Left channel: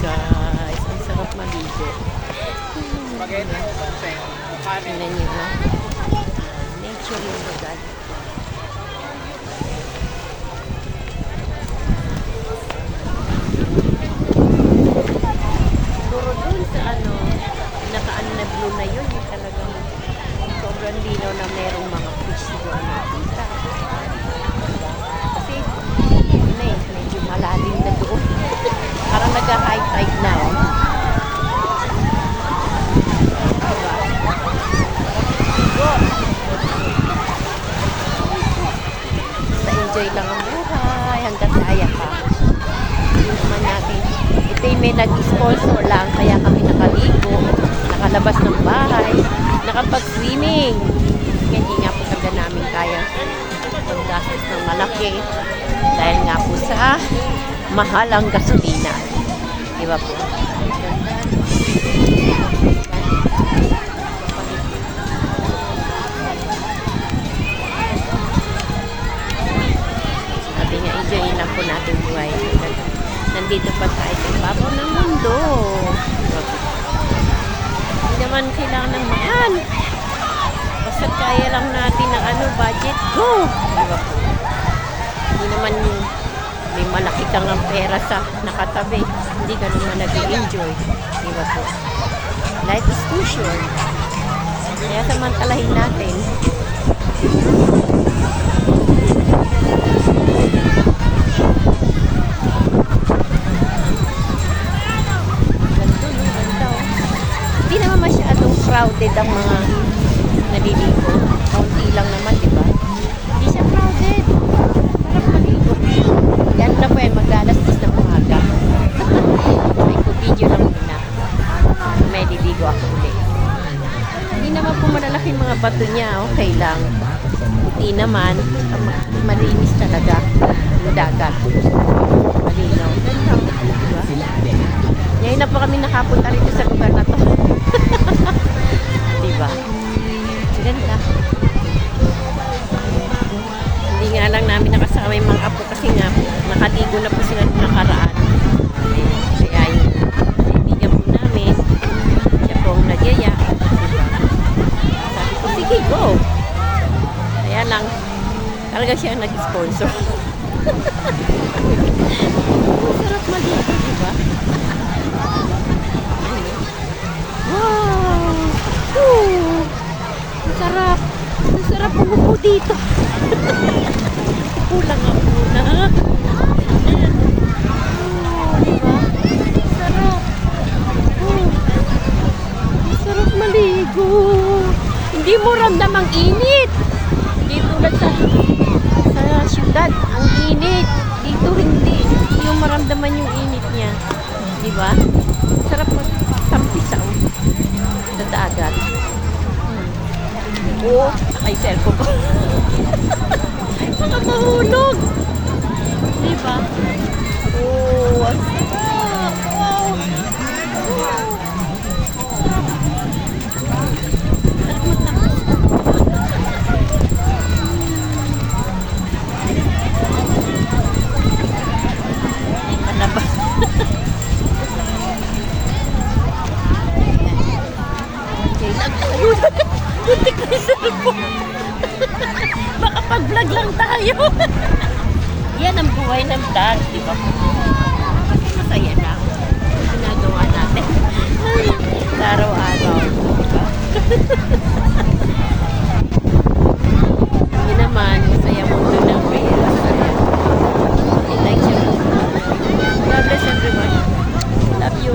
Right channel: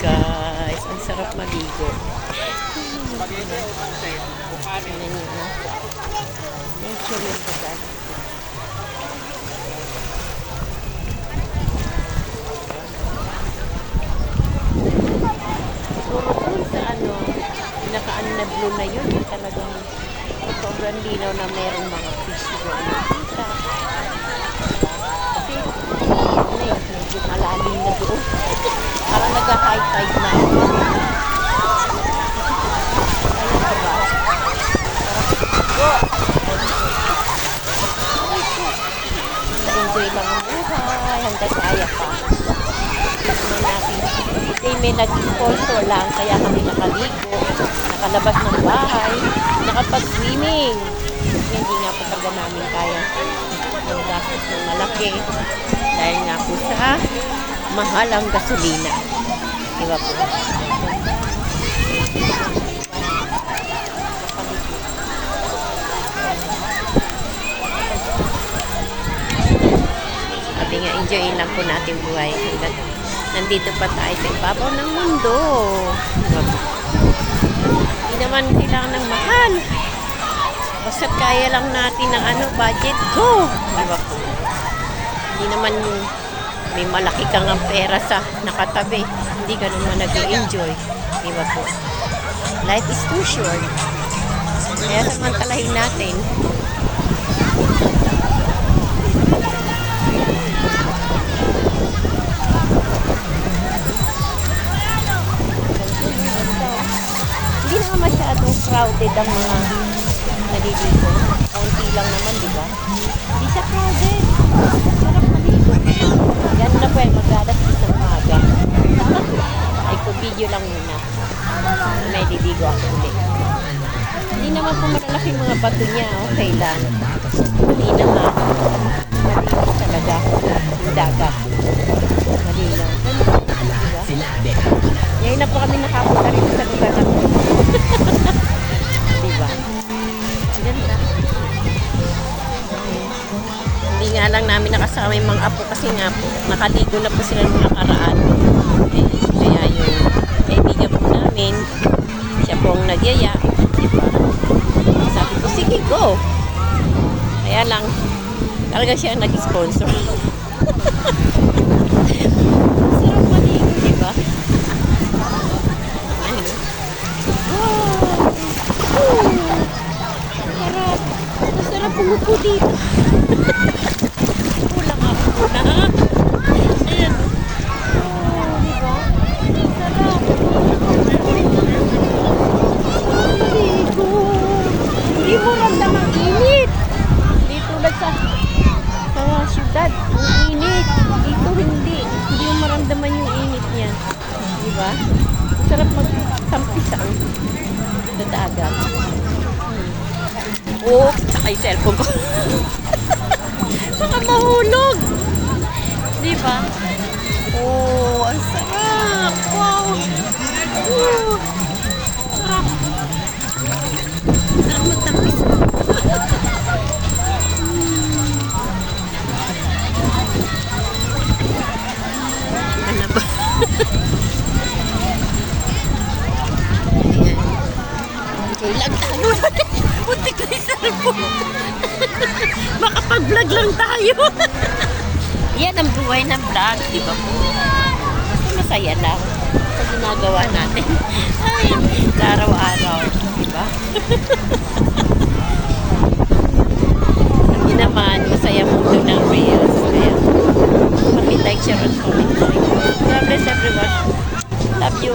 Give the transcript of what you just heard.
guys. Ang sarap maligo. Tingnan niyo, no? Nature yung lugar. Siguro dun sa ano, naka-ano na blue na yun. Talagang sobrang linaw na merong mga fish siguro nakita. Kasi, ano eh, medyo malalim na doon. Parang nag-high tide na. Kaya diba? Go! Basta enjoy lang ang buhay hanggang kaya pa. Hindi naman natin. Ito yung may nag-sponsor lang kaya kami nakaligo, nakalabas ng bahay, nakapag-swimming. Hindi nga po talaga namin kaya pag-gastos ng malaki dahil nga po sa mahal ang gasolina. Diba po? Sabi nga, enjoyin lang po natin buhay. Nandito pa tayo sa ibabaw ng mundo. Diba po? Hindi naman kailangan ng mahal. Basta kaya lang natin ng budget, go! Diba po? Hindi naman may malaki kang ang pera sa nakatabi. Hindi ka naman nag-enjoy. Diba po? Life is too short. Kaya samantalahin natin. Hindi naman masyadong crowded ang mga naliligo. Kaunti lang naman, diba? Hindi siya crowded. Sarap maligo. Yan na po eh, mag-alas-as ng umaga. Ay, video lang muna. May liligo ako ulit. Hindi naman po malalaki mga bato niya. Okay lang. Hindi naman. Malinis talaga yung dagat. Malinaw. Ganda. Diba? Ngayon na po kami nakapunta rito sa lugar na to. Diba? Ganda. Hindi nga lang namin nakasama yung mga apo kasi nga po, nakaligo na po sila nung nakaraan. Kaya yung kaibigan po namin, siya po ang nagyaya. Diba? Sabi ko, sige, go! Kaya lang, talaga siya nag-sponsor. Sarap maligo, diba? Ano? Wow! Woo! Sarap! Sarap pumupo dito. Ulang ako muna. Ayan. Oh, diba? Sarap. Sarap maligo. Hindi mo ramdam ang init. Hindi tulad sa syudad. Ang init. Dito hindi. Hindi mo maramdaman yung init niya. Diba? Sarap magtampisan sa dagat. Oh, ay cellphone ko. Baka mahulog. Diba? Oh, ang sarap. Wow. Oh, sarap. Sarap magtampis. Ano ba? Putik na yung cellphone. Makapag-vlog lang tayo. Yan ang buhay ng vlog, di ba? Basta masaya lang sa ginagawa natin. Ay, sa araw-araw, di ba? Sabi naman, masaya mundo ng Reels. Kaya, pakilike, share, and comment. God bless everyone. Love you.